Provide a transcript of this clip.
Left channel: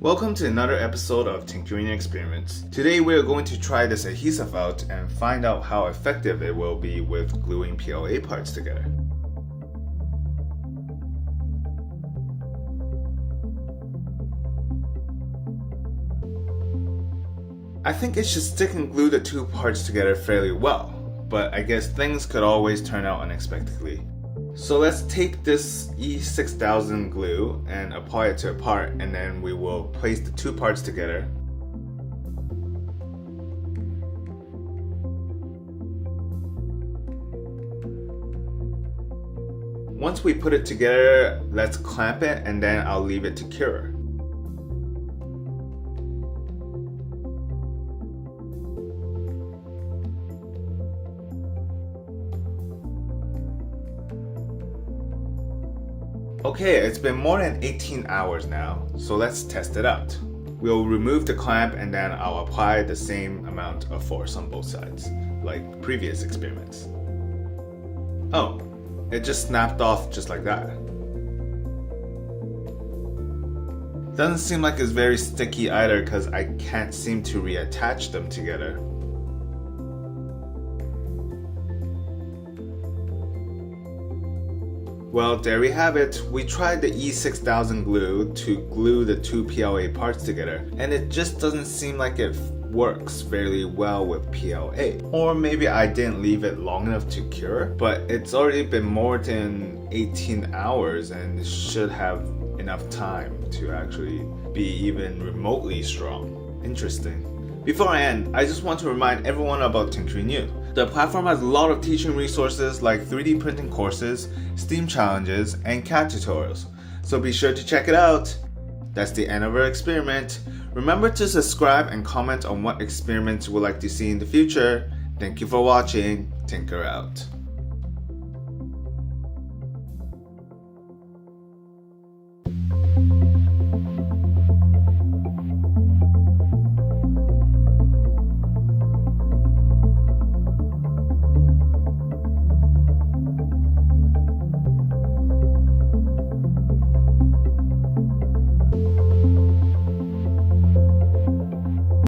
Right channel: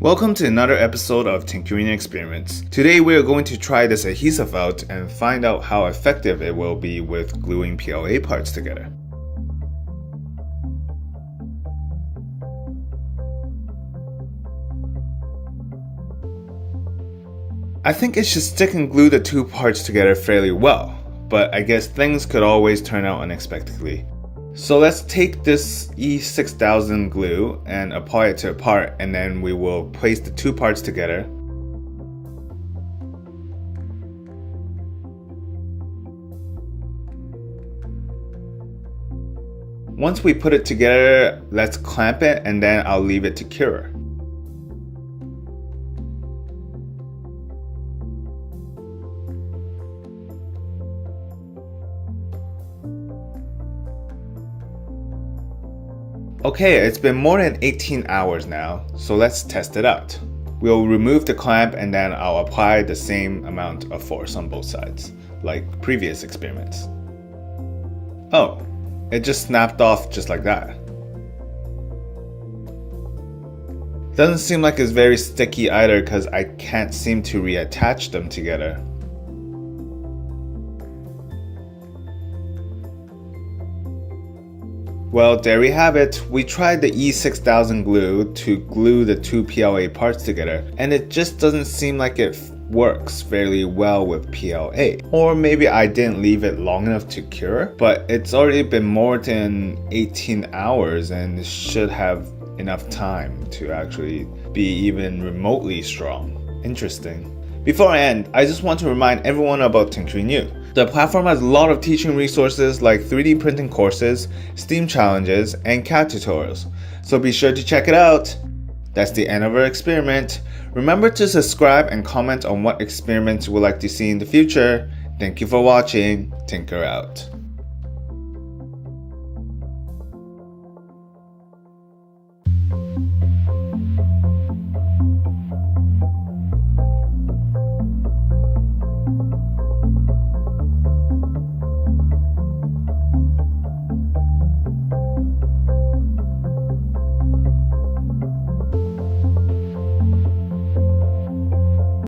Welcome to another episode of Tinkerine Experiments. Today we are going to try this adhesive out and find out how effective it will be with gluing PLA parts together. I think it should stick and glue the two parts together fairly well, but I guess things could always turn out unexpectedly. So let's take this E6000 glue and apply it to a part, and then we will place the two parts together. Once we put it together, let's clamp it and then I'll leave it to cure. Okay, it's been more than 18 hours now, so let's test it out. We'll remove the clamp and then I'll apply the same amount of force on both sides, like previous experiments. Oh, it just snapped off just like that. Doesn't seem like it's very sticky either because I can't seem to reattach them together. Well, there we have it. We tried the E6000 glue to glue the two PLA parts together, and it just doesn't seem like it works fairly well with PLA. Or maybe I didn't leave it long enough to cure, but it's already been more than 18 hours and should have enough time to actually be even remotely strong. Interesting. Before I end, I just want to remind everyone about Tinkerine U. The platform has a lot of teaching resources like 3D printing courses, STEAM challenges, and CAD tutorials. So be sure to check it out. That's the end of our experiment. Remember to subscribe and comment on what experiments you would like to see in the future. Thank you for watching. Tinker out.